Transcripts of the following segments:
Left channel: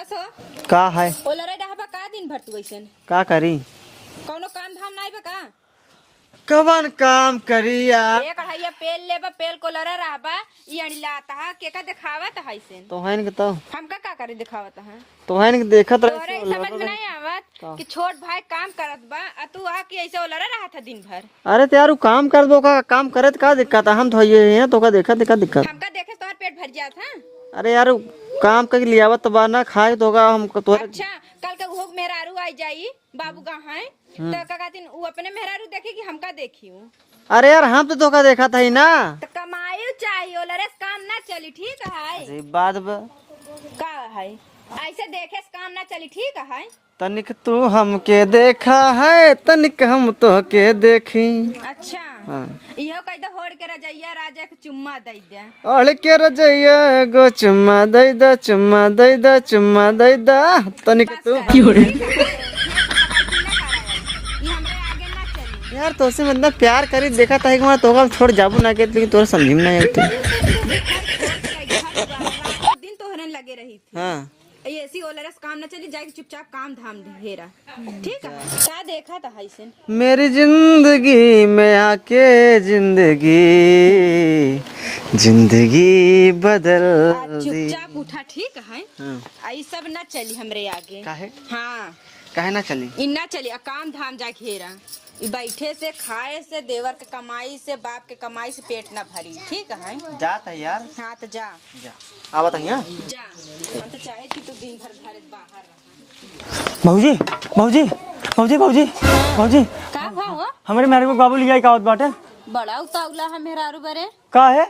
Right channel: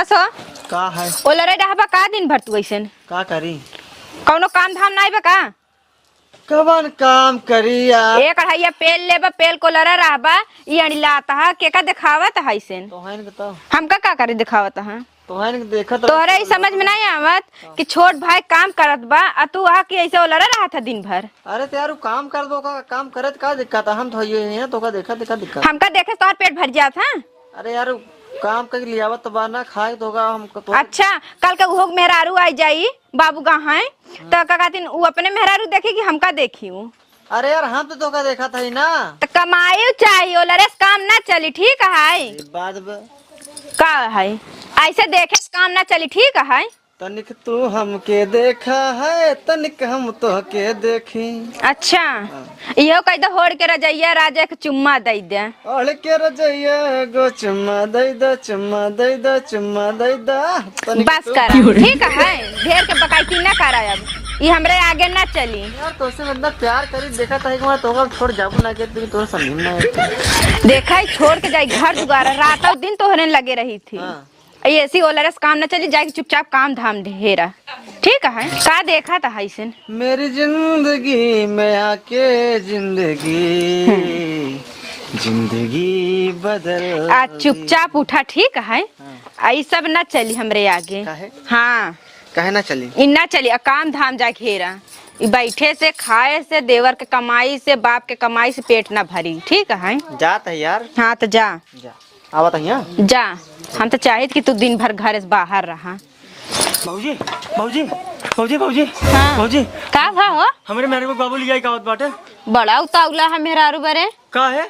कसो का है ओलरे रहबा का दिन भर तू ऐसन का करी कौनो काम धाम नहीं बा का कवन काम करी यार। एक अढ़ाइया पेल लेबा पेल को लरा रहबा ई अणिलाता है के का दिखावत है ऐसन तो है के तो हमका का करे दिखावत है तो है के देखत तोहरा ई समझ में नहीं आवत कि छोट भाई काम करत बा आ तू आ के ऐसे ओलरा रहत है दिन भर। अरे तो यार काम कर दो का काम करत का दिक्कत है हम तो ये तो का देखत का दिक्कत हमका देखे तोहर पेट भर जात है। अरे यार काम कर लियावत बा ना खाए तो का हम तो अच्छा कल के उहो मेहरारू आई जाई बाबू कहाँ है तो का कहतिन उ अपने मेहरारू देखी कि हमका देखी उ अरे यार हम तो का देखा था ना तो कमाई चाहिए ओलरे से काम ना चली ठीक है बात का है ऐसे देखे से काम ना चली ठीक है। तनिक तू हमके देखा है तनिक हम तो के देखी। अच्छा इहो कह दो होड़ के रजैया राजा के चुम्मा दे दे ओढ़ के रजैया गो चुम्मा दे दे चुम्मा दे दे चुम्मा दे दे तनिक बस तू कर ठीक है ढेर के बकायती ना कर अब ये हमरे आगे ना चली। यार तो से मतलब प्यार करी देखा था कि मैं तो का छोड़ जाबू ना के लेकिन तोर समझ में नहीं देखा छोड़ के जाई घर दुआरा रात और दिन तोहरे लगे रही थी। हां ऐसी ओलरस काम न चली जाएगी चुपचाप काम धाम ढेरा ठीक है का देखा था ऐसन मेरी जिंदगी में आके जिंदगी बदल आज चुपचाप उठा ठीक है आई सब न चली हमरे आगे काहे हाँ काहे ना चली इ ना चली काम धाम जा घेरा बैठे से खाए से देवर के कमाई से बाप के कमाई से पेट ना भरी ठीक है। जात है यार हाँ तो जा आवत है यहाँ जा हम तो चाहिए कि तू दिन भर घर से बाहर रहा। भौजी भौजी भौजी भौजी हाँ। भौजी का भा हो हमारे मेरे को बाबू लिया का बाटे बड़ा उतावला है मेहरारू बरे का है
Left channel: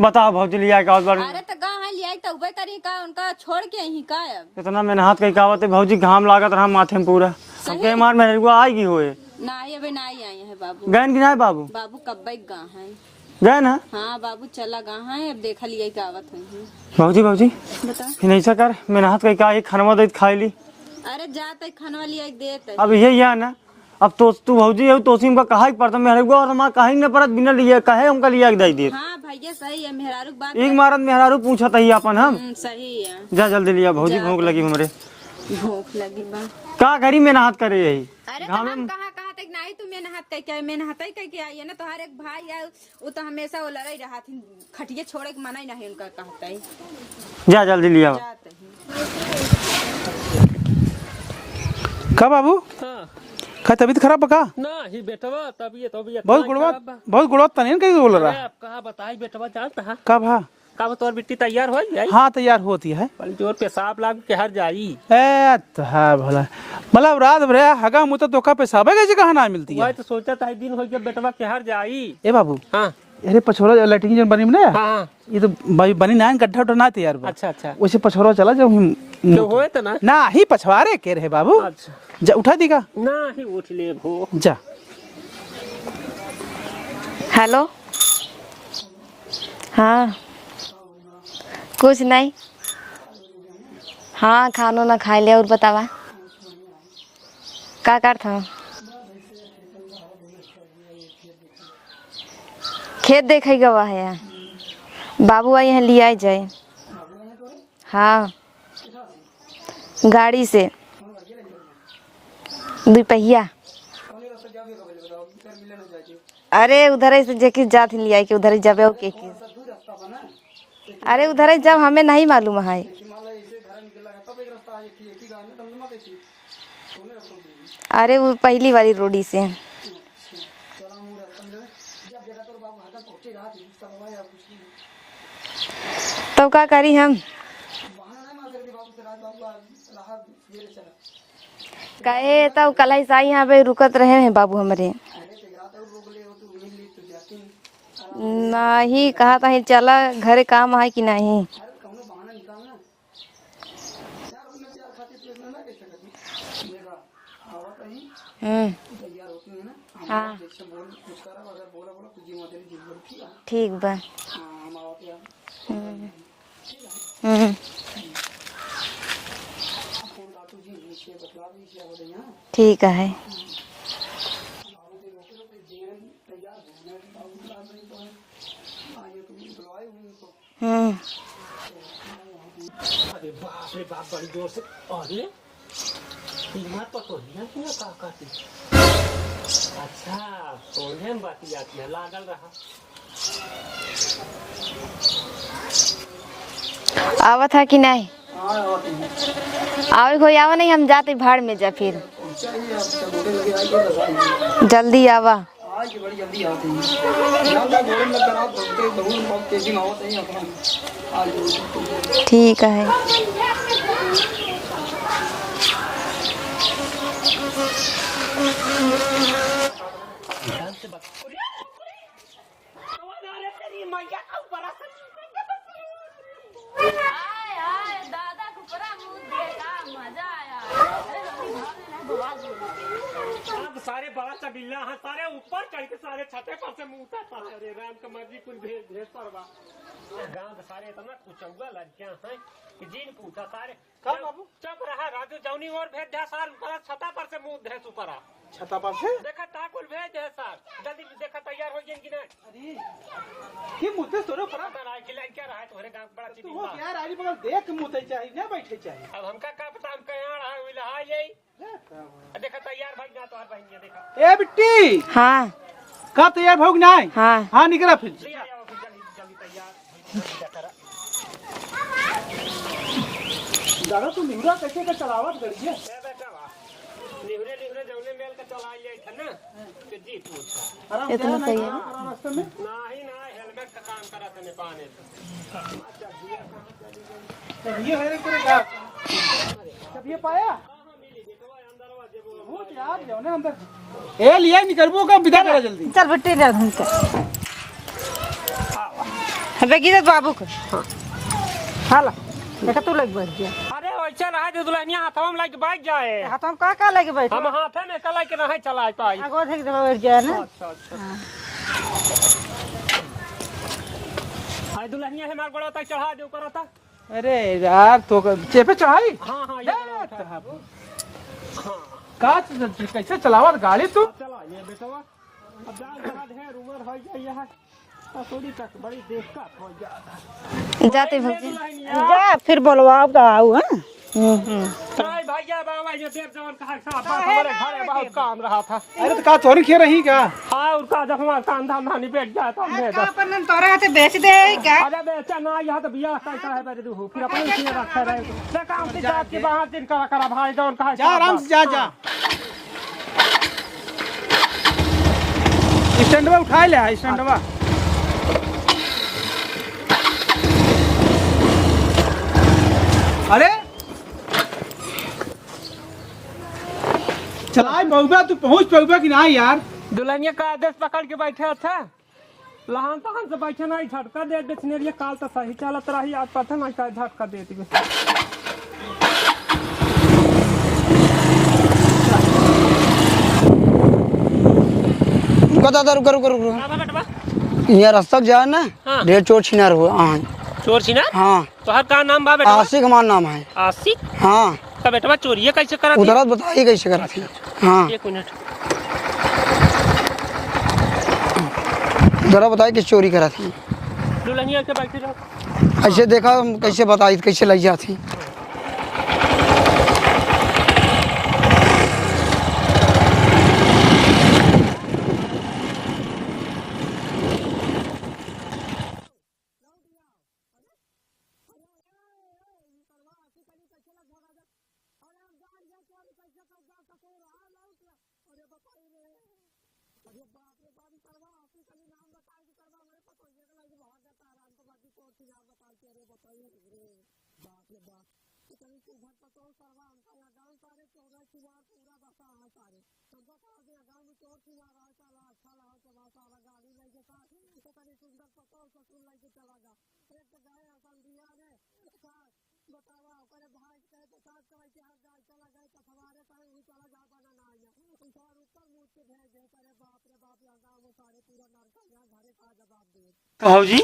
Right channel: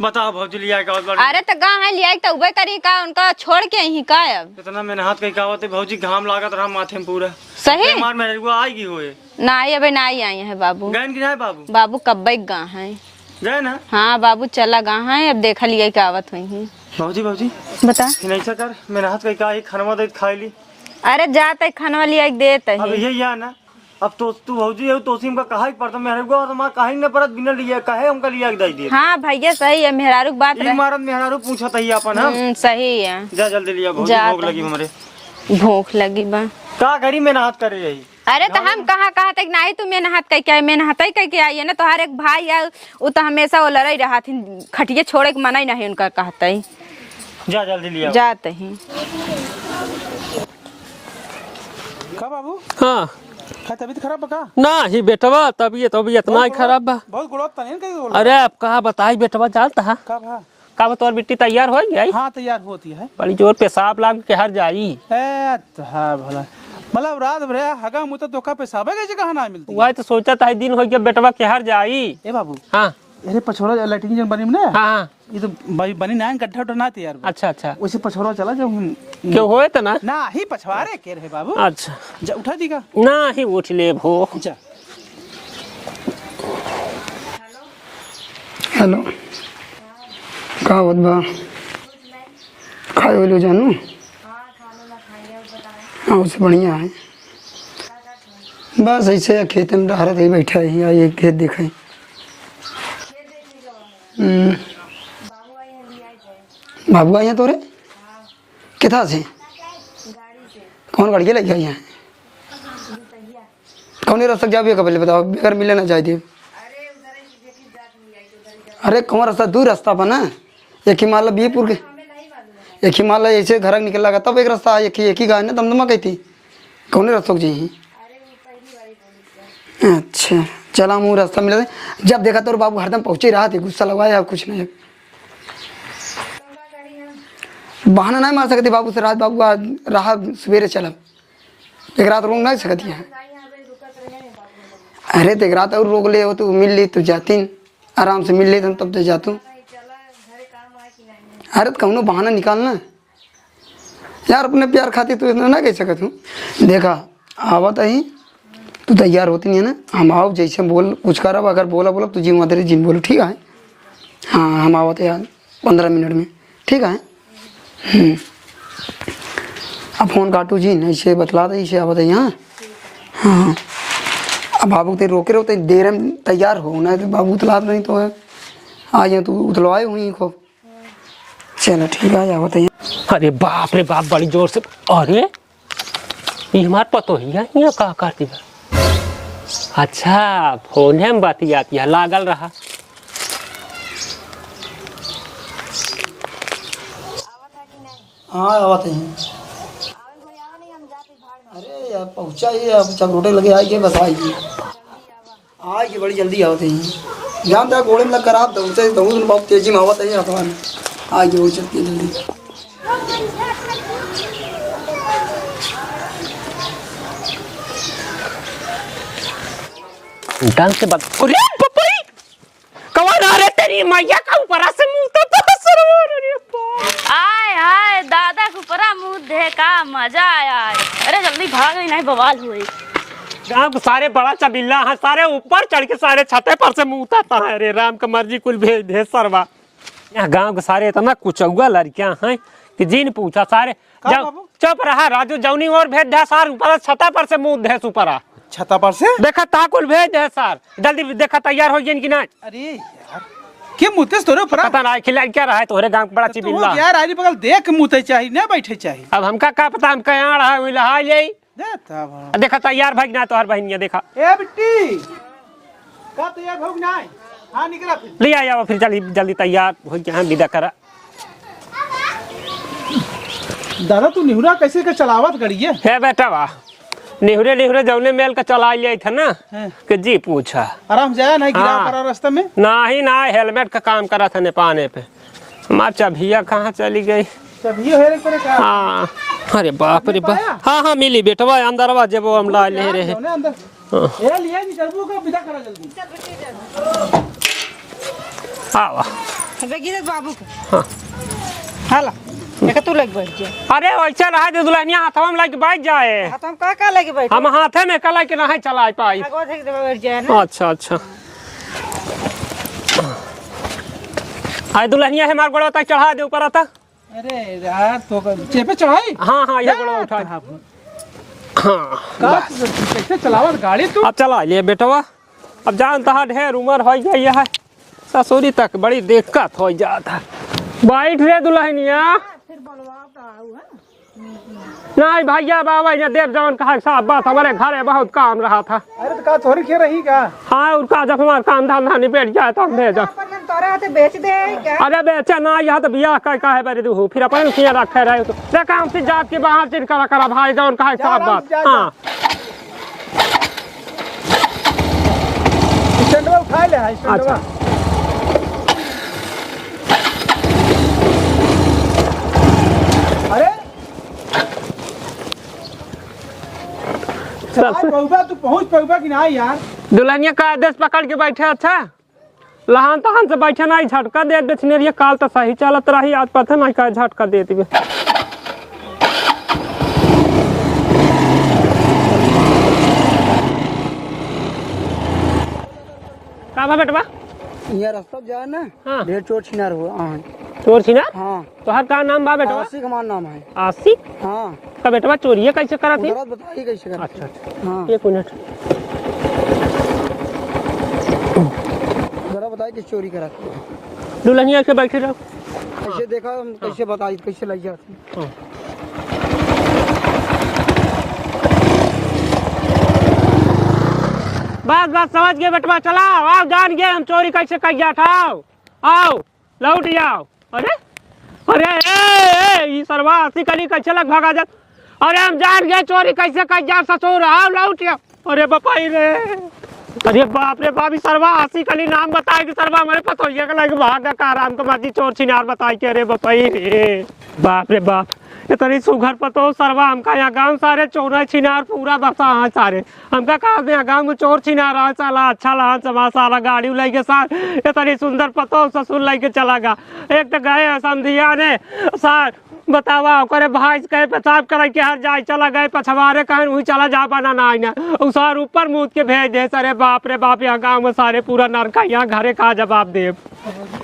बताओ भौजी लिया का बाटे। अरे तो गा है लिया तो उबे करी का उनका छोड़ के यहीं का अब इतना मैंने हाथ कहीं कहावत है भौजी घाम लागत रहा माथे में पूरा सही मार मेरे को आएगी होए ना अबे ना आई है बाबू गैन की नहीं बाबू बाबू कब्बे गा है गए ना हाँ बाबू चला गा है अब देखा लिया का आवत हुई भौजी भौजी बता नहीं से कर मैंने हाथ कहीं कहा खाना दे खाई ली अरे जाते खाना लिया देते अब यही है ना अब तो तू भौजी है तो का कहा पड़ता मेरे को और मां कहीं न परत बिना लिए कहे उनका लिया के दे दे। हाँ भैया सही है मेहरारू की बात एक मारत मेहरारू पूछा था अपन हम सही है जा जल्दी लिया भौजी भूख लगी हमरे भूख लगी बा का घड़ी में हाथ करे यही। अरे तो हम कहा तक नहीं तू मेन हाथ कह के मेन हाथ कह के आई है ना तोहार एक भाई है वो तो हमेशा वो लड़ाई रहा थी खटिए छोड़े के मना ही नहीं उनका कहता ही जा जल्दी लिया जाते हैं का बाबू हाँ का तबीयत खराब बका ना ही बेटवा तबीयत ना खराब बा बहुत गुड़त तनी कहीं बोला अरे अब कहा बताई बेटवा जानता है का भा का तोर बिट्टी तैयार हो गई हाँ तैयार होती है बड़ी जोर पेशाब लाग के हर जाई ए तो भला मतलब रात भर हगा मुता तो का पेशाब है कैसे कहाँ ना मिलती वही है तो सोचा था दिन हो गया बेटवा के हर जाई। ए बाबू हाँ अरे पछोरा लैट्रिन जन बनी ना हाँ ये तो भाई बनी ना गड्ढा उठा ना तैयार बा। अच्छा अच्छा वैसे पछोरा चला जाओ हम क्यों होए तो ना ही पछवारे के रहे बाबू अच्छा जा उठा देगा ना ही उठ ले भो जा हेलो हेलो हाँ का होत बा कुछ नहीं खाए वालो जानू हाँ खानो ना खा लिया और बतावा हाँ उससे बढ़िया है का कर था बस ऐसे खेत में डहरत ही बैठा है ये खेत दिखाई खेत देखे गवा है बाबू आई यहाँ लिया जाए बाबू यहाँ तोरे हाँ किथा से गाड़ी से कौन गाड़ी लग गया यहाँ दुपहिया कौन रास्ता जाबे कबले बताओ बेगर मिले ना जाए दे अरे उधर से जेकी जात लिया के उधर ही जाबे अरे कौन रास्ता दूर रास्ता बना एक ही माला उधर जब हमें नहीं मालूम है एक ही माला ऐसे घर निकल लगा तब एक रास्ता एक ही गाय ना दमदमा कहती कौन रास्ता जी अरे वो पहली वाली रोडी से अच्छा चला मुँह रास्ता मिला जब देखा तो बाबू हरदम पहुंचे रहा थे गुस्सा लगाया कुछ नहीं तो क्या करी हम बहाना नहीं मार सकते बाबू से रात बाबू रहा सवेरे चला एक रात रोक नहीं सकते कल ऐसा यहाँ पे रुकत रहे हैं बाबू हमारे अरे तो एक रात और रोक ले हो तो मिल ली तो जाती आराम से मिल ले तो तब तो जाती कहा था चला घरे काम है कि नहीं अरे तो कौनो बहाना निकालना यार अपने प्यार खाती तो इतना ना कह सकत हूँ देखा आवत ही तू तैयार होती नहीं है ना हम आओ जैसे बोल कुछ करब अगर बोला बोला तुझी मदर जिन बोलो ठीक है ठीक बा हाँ हम आवत यार 15 मिनट में ठीक है अब फोन काटू जी ऐसे बतला दे ऐसे आवत है यहाँ ठीक है हाँ अब बाबू ते रोके रहो देर में तैयार हो ना तो बाबू उतला नहीं तो है आ जाए तू उतलवाए हुई को चलो ठीक है आवत है अरे बाप रे बाप, बड़ी जोर से। अरे ये हमार पतो ही है, यहाँ का करती है। अच्छा फोन है, बाती आती है, लागल रहा। आवत है कि नहीं? हाँ आवत है। आवे कोई आवा नहीं, हम जाते भाड़ में जा फिर। पहुँचा ही अब सब रोटे लगे आएगी, बस आएगी। जल्दी आवा। आएगी बड़ी जल्दी आवत है। जान जा घोड़े में लग कर आप दौड़ते दौड़ बहुत तेजी में आवत है आसमान। आगे हो सकती है। ठीक है। ढंग से बात। अरे पपई कौन आ रहे तेरी मैया का ऊपर से मुंह तो सरवर। अरे बाप। आय हाय दादा को परा मुंह दे का मजा आया है। अरे जल्दी भाग नहीं बवाल हुई। गाँव के सारे बड़ा चबिल्ला है, सारे ऊपर चढ़ के सारे छते पर से मुंह उतारता है। अरे राम का मर्जी कुल भेज दे सरवा। यहाँ गाँव के सारे इतना कुचौआ लड़कियां हैं कि जिन पूछा सारे चुप रहा। राजू जौनी और भेज दे सार, ऊपर छता पर से मुंह दे ऊपर आ छता पर से देखा ताकुल भेज दे सर। जल्दी देखा तैयार हो गई कि नहीं। अरे यार के मुते तोरे ऊपर पता ना खिला क्या रहा है तोहरे गांव बड़ा चिबिल्ला। तो यार आरी बगल देख मुते चाहिए ना बैठे चाहिए। अब हमका का पता, हम कहाँ रहा हुई लहा यही देता देखा तैयार भाग ना तोहर बहनिया देखा। ए बिट्टी हाँ का तैयार भोग ना है। हाँ हाँ निकला फिर ले आया फिर जल्दी जल्दी तैयार हो गया, हम विदा करा। दादा तू निहुरा कैसे का चलावत गड़िए है बेटा वाह, निहुरे निहुरे जौने मेल का चला लिया था ना कि जी पूछा आराम जाया नहीं गिरा हाँ। पड़ा रास्ते में नहीं ना हेलमेट का काम करा था नेपाने पे। हमार चाबिया कहाँ चली गई। तब ये है करे का हाँ अरे बाप रे बाप। हाँ हाँ मिली बेटवा अंदरवा जब वो हम ला ले रहे। जौने अंदर ए लिया निकलबो का विदा करा जल्दी। चल बट्टे जा घूम हाँ वाह। बेगी बाबू को। हाँ हाला देखा तू लग बैठ जा। अरे वैसे रहा दे दुल्हनिया हाथवा में लग बैठ जाए। तो हम का लगी बैठ। हम हाथे में कला के नहीं चला पाई। आगो देख दे बैठ जा ना। अच्छा अच्छा। आए दुल्हनिया है मार गोड़ा तक चढ़ा दे ऊपर आता। अरे यार तो चेपे चढ़ाई। हाँ हाँ ये गोड़ा उठा। हाँ कैसे चलावत गाड़ी को। अब चला लिए बेटवा। अब जानता है ढेर उम्र हो गई है, ससुरी तक बड़ी दिक्कत हो जाता। बैठ ले दुल्हनिया। फिर बोलवाओ का आऊ हां। नहीं भैया बाबा ने देव जवान कहा साहब बात हमारे घर में बहुत काम रहा था। अरे तो का चोरी खे रही का। हाँ उनका जब हमारा काम धंधा निपट जाए तो हम भेजा। अपन तोरे हाथे बेच दे क्या। अरे बेचा ना यहाँ तो बियाह का है बेरे दू फिर अपन किया रखे रहे तो देखा हम जात के बाहर चिन करा भाई जवान कहा साहब बात। हाँ स्टैंडवा उठा ले है स्टैंडवा। अरे चल पहुंचा तू पहुंच पहुंचा कि नहीं यार। दुल्हनिया का आदेश पकड़ के बैठे। अच्छा लहान तहान से बैठे ना झटका दे बेचने काल तो सही चलत रही, आज पता नहीं का झटका देती। रुको बेटवा यहाँ रास्ता जा ना हाँ। ढेर चोर छिनार हुआ। चोर छी ना। हाँ तोहर का नाम बा बेटा। आशिक हमारा नाम है। आशिक। हाँ का बेटवा चोरी कैसे करा थी। उधर बताइए कैसे करा थी। हाँ एक मिनट उधर बताइए किस चोरी करा थी। दुल्हनिया के बैठे रहो। ऐसे देखा हम कैसे बताई कैसे लग जाती। बस बस समझ गए बेटवा, चला आओ जान गए हम चोरी कैसे कर गया था। आओ लौट जाओ। अरे अरे ए सरवा हंसी कली कैसे लग भागा जा। अरे हम जान गए चोरी कैसे कर जा ससुर। आओ लौट जाओ। अरे बपाई रे, अरे बाप रे बाप। सरवा हंसी कली नाम बताए कि सरवा हमारे पतोहिया का लग भागा का आराम का मर्जी चोर छिनार बताई के। अरे बपाई रे बाप रे बाप, इतनी सुघर पतो सरवा हमका यहाँ गांव सारे चोर छिनार पूरा बसा है सारे। हमका कहा यहाँ गांव में चोर छिनार है साला। अच्छा लहा समा सारा गाड़ी लेके सार इतनी सुंदर पतो ससुर लेके चला गा। एक तो गए समझिया ने सार बतावा करे भाई कहे पेशाब करे के हर जाए चला गए पछवारे कहे वही चला जा पाना ना उसार ऊपर मुँह के भेज दे। सरे बाप रे बाप यहाँ गाँव में सारे पूरा नरका यहाँ घरे का जवाब दे। भाजी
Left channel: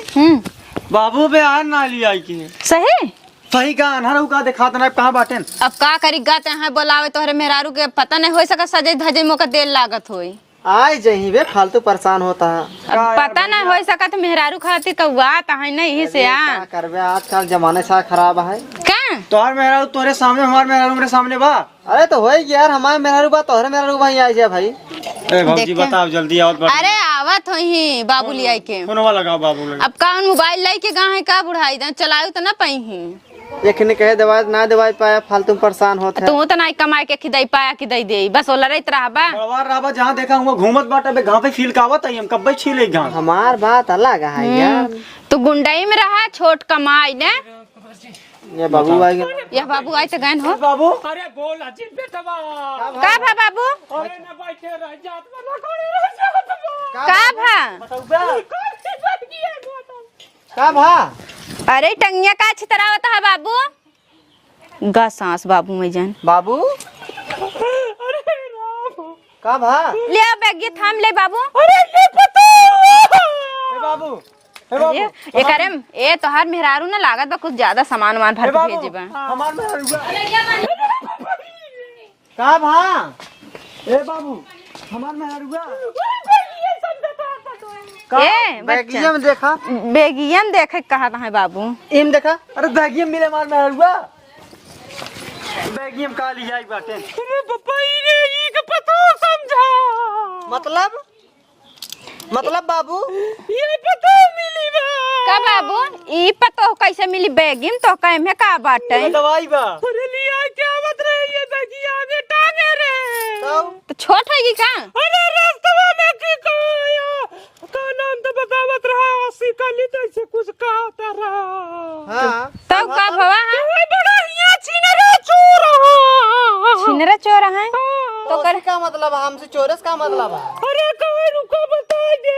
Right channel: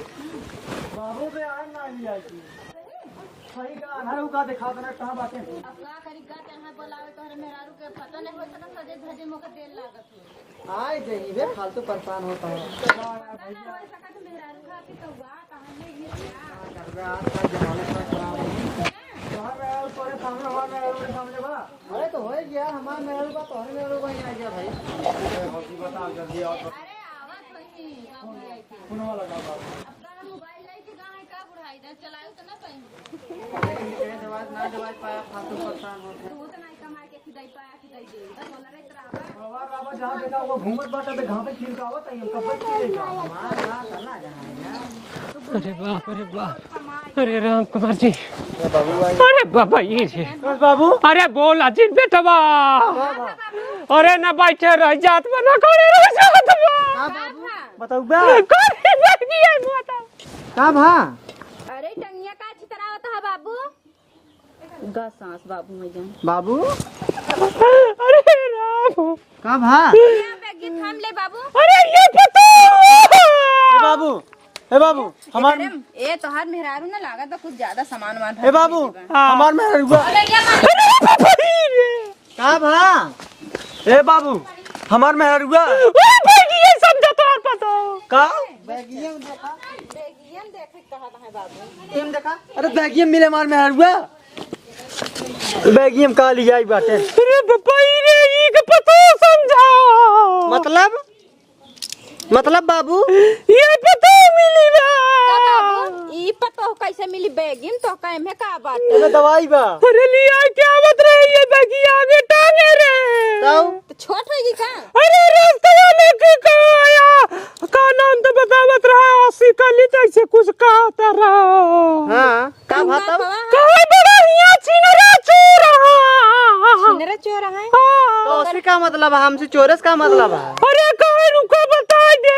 बाबू पे आन ना लिया कि सही सही का अनहर का दिखात ना कहां बाटे। अब का करी गाते हैं बोलावे तोहरे मेहरारू के पता नहीं हो सका सजे धजे मोका देर लागत होई। आए जही बे फालतू परेशान होता है। अब पता ना हो सकत मेहरारू खातिर कौआ त है ना यही से आ क्या करबे आजकल जमाने सा खराब है। का तोहर मेहरारू तोरे सामने हमार मेहरारू मेरे सामने बा। अरे तो होई यार हमारे मेहरारू बा तोहरे मेहरारू भाई आ जा भाई। ए भौजी देखे। बताओ जल्दी आओ। अरे आवत होही बाबू लिया के फोनवा लगाओ बाबू लगे। अब कौन मोबाइल लाई के गाँव है का बुढ़ाई दे चलाऊ तो ना पाई ही देखने कहे दवाई ना दवाई पाया फालतू परेशान होता है। तू तो नहीं कमाए के खिदाई पाया खिदाई दे बस ओला रही रहबा बड़वार राबा जहाँ देखा हुआ घूमत बाटा बे गाँव पे फील कावत आई हम कब छीले गाँव। हमार बात अलग है यार। तू गुंडई में रहा छोट कमाई ने राम कुमार जी ये बाबू आई अरे ये बाबा बाबू आई तो गन हो बाबू अरे बोल अजीत बेटवा का भा बाबू अरे ना बैठे रह जात में ना करे रह जात में का भा बताओ बा। करे बैठी है बताओ का भा अरे टंगिया का अच्छी तरह होता है बाबू गा सांस बाबू में जान बाबू अरे राम का भा ले आ बैग ये थाम ले बाबू अरे ये पता ए बाबू ए बाबू ये करे ए तोहार मेहरारू ना लागत बा कुछ ज्यादा सामान वामान ए भर बाबू भेजे बा हमार मेहरारू बा। का भा ए बाबू हमार मेहरारू बा। ये समझा तो और पता का ए बैगिया बच्चा में देखा बेगियन देखे कहा है बाबू इम देखा। अरे दागियम मिले हमार मेहरारू बा। बैगियम का लिया आई बाटे। अरे पापा ये के पता समझा मतलब बाबू ये पता मिली बा का बाबू ई पतो कैसे मिली बेगिन तो कहे में का बाटे ये दवाई बा। अरे लिया क्या बत रही ये बैगी आगे टांगे रे तो छोट होगी का अरे रास्ते में के आया का नाम तो बतावत रहा 80 का लीटर से कुछ कहता रहा हां तब का भवा कहे बड़ा हिया छिनरा चोर रहा छिनरा चोर है तो कर का मतलब है हमसे चोरस का मतलब है। अरे कहे रुको बता दे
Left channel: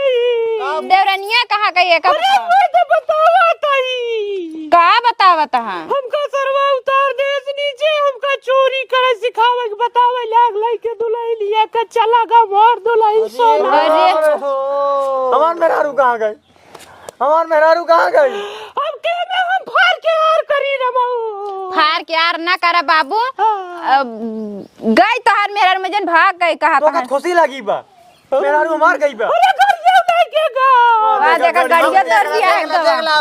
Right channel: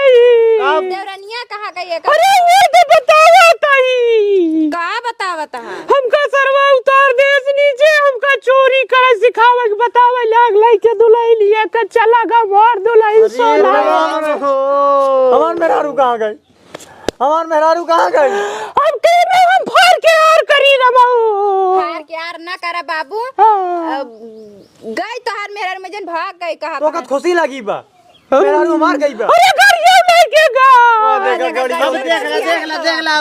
देवरनिया कहा गई का अरे वो तो बतावा ताई का बतावत है हमका सरवा उतार देस नीचे हमका चोरी करे सिखावे के बतावे लाग लाई के दुलाई लिया के चला गा मार दुलाई सोना हमार मेहरारू कहाँ गई। हमार मेहरारू कहाँ गई। अब के में हम फाड़ के यार करी रमाऊ हार के यार ना करा बाबू गई तोहार मेहर में जन भाग गई कहा तो का खुशी लगी बा। मेहरारू मार गई बा। अरे गरिया लेके गा देखा देख ला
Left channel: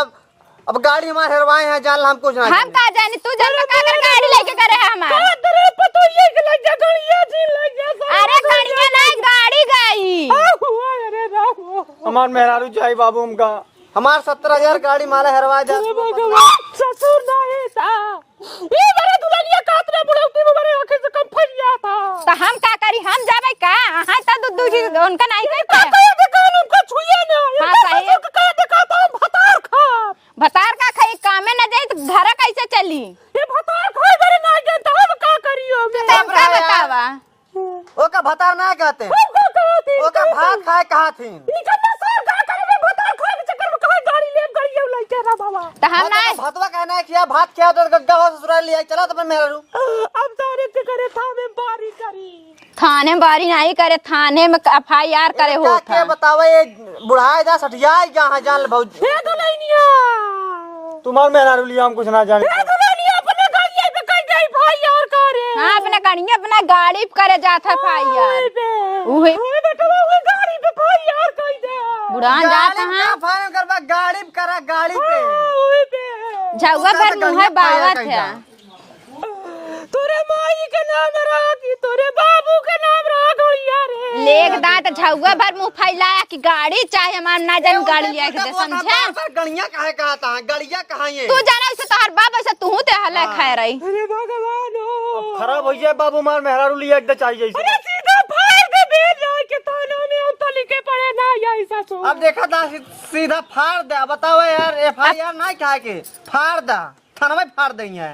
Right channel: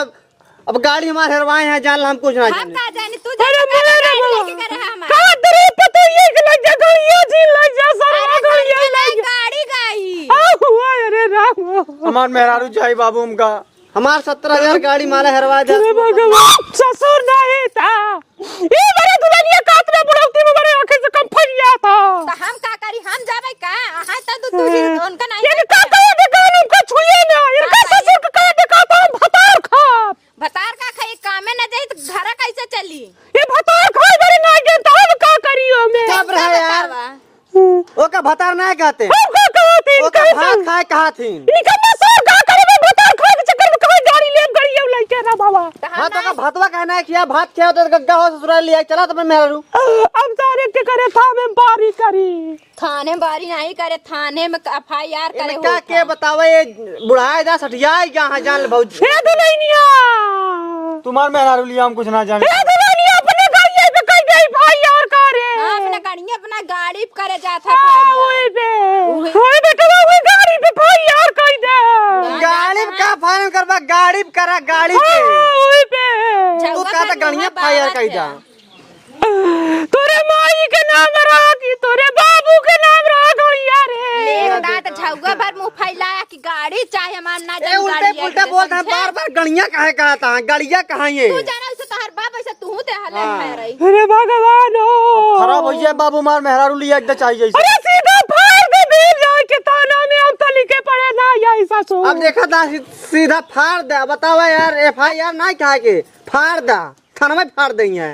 अब गाड़ी हमारे हरवाए हैं जान हम कुछ ना हम का जाने तू जाने का गाड़ी लेके करे है हमार का तेरे पता ये कि लग जा गरिया जी लग जा अरे सब खड़िया नहीं गाड़ी गई हुआ अरे राम हमार मेहरारू चाहिए बाबू हमका। हमार 17,000 गाड़ी माला हरवा जा। अरे भगवान ससुर नहीं था ये बड़े दुल्हनिया कात में बुढ़ौती में बड़े आंखें से कम फरिया था तो हम का करी हम जाबे का हां तो तू ही उनका नहीं ये काका दुकान उनका छुए ना ये हाँ, ससुर का दिखाता हूं भतार खा भतार का खाई कामे न जाई तो घर कैसे चली ये भतार खा करे ना जे तो हम का करियो मैं चुप रहो यार। बतावा ओका भतार ना कहते हम का कहती ओका भात खाए कहा थी। निकम्मा सो का करे में भतार खा के चक्कर में कहां गाड़ी ले गरियो लाई के ना बाबा तो हम ना भतवा कहना है किया भात किया तो गग्गा हो ससुराल लिया चला तो मैं मेहरारू अब तारे के करे था मैं बारी करी थाने बारी नहीं करे थाने में एफआईआर करे हो क्या के बतावे ये बुढ़ाए दा सठियाई कहां जान भौजी। हे दुल्हनिया तुम्हार मेहरारू लिया हम कुछ ना जाने। हे दुल्हनिया अपने गाड़ी पे कहीं गई भाई यार करे हां अपने कनिया अपना गाड़ी पे करे जाता एफआईआर ओए बेटा वो गाड़ी पे भाई यार कहीं दे गाड़ी में का फारम करबा गाड़ी पे करा गाड़ी पे ओए पे झगड़ा का पर तो मुंह गड़िया पाया बावत कहीं है जा। तोरे माई के नाम राखी तोरे बाबू के नाम राख यार लेक दांत झगड़ा भर मुंह फैलाया कि गाड़ी चाहे हमार ना ए जन गाड़ी उल्टे है पुल्टा बोलता है बार-बार गड़िया काहे कहता है गड़िया कहां ये। तू जाना उसे तोहर बाप ऐसे तू ते हल्ला खाए रही अरे भगवान खराब हो जाए बाबू मार मेहरारू लिया एकदम चाहिए। अरे सीधा फाड़ दे दिल जाए के ताना में हम तो लिखे पड़े ना या ऐसा सो अब देखा था सीधा फाड़ दे बतावा यार एफआईआर नहीं कहा के फाड़ दा थाना में फाड़ दई है।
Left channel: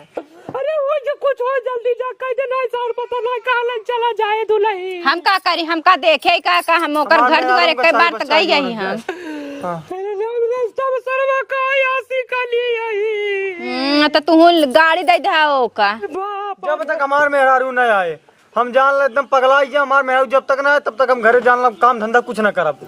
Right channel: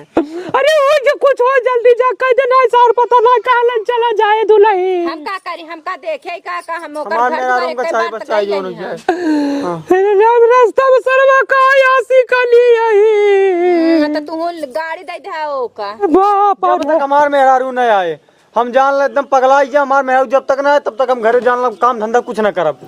अरे वो जो कुछ हो जल्दी जा कह देना सर पता ना कहलन चला जाए दुल्हन हम का करी हम का देखे का हम ओकर घर द्वार एक बार तक गई गई हम अरे राम रास्ता में सरवा का यासी का लिए ही तो तू गाड़ी दे दे ओका बाप जब तक हमार मेहरारू न आए हम जान एकदम पगला जा। हमार मेहरारू जब तक ना आए तब तक हम घरे जान काम धंधा कुछ ना करब।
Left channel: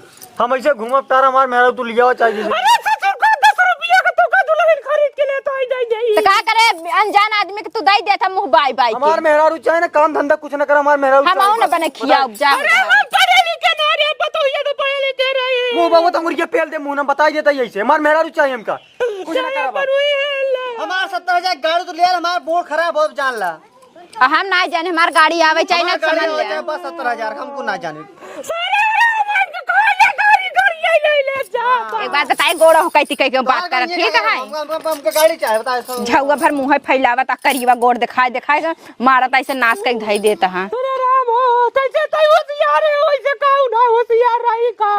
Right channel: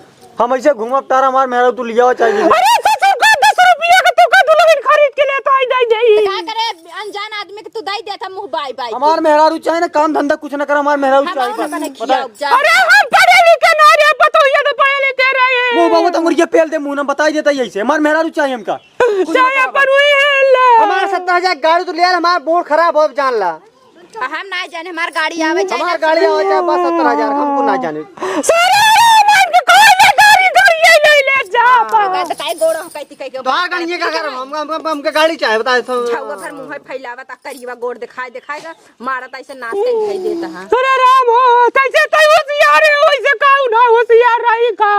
हम ऐसे घूमब तारा हमार मेहरारू तू लिया चाहिए। अरे ससुर का 10 रुपया का तू का दुल्हन खरीद के लेता ही नहीं तो का करे अनजान आदमी के तू दे देता मुंह बाई बाई हमार मेहरारू चाहे ना काम धंधा कुछ ना कर हमार मेहरारू हम ना बने खिया जा अरे हम पढ़े लिखे ना मुंह बाबू तो मुर्गे पेल दे मुंह ना बताई देता यही हमार मेहरा चाहिए हमका हमारा 70,000 गाड़ी तो लिया हमारा बोर्ड खराब हो जान ला हम ना जाने हमार गाड़ी आवे चाहिए ना गाड़ी हो जाए बस 70,000 हमको ना जाने एक बार बताई गोड़ा हो कैती कह के बात कर ठीक है हमका गाड़ी चाहिए बता झौवा भर मुंह फैलावा ता करिवा गोड़ दिखाएगा मारता ऐसे नाच के धई देता हां अरे राम हो कैसे तय होशियार है वैसे कहू ना होशियार रही का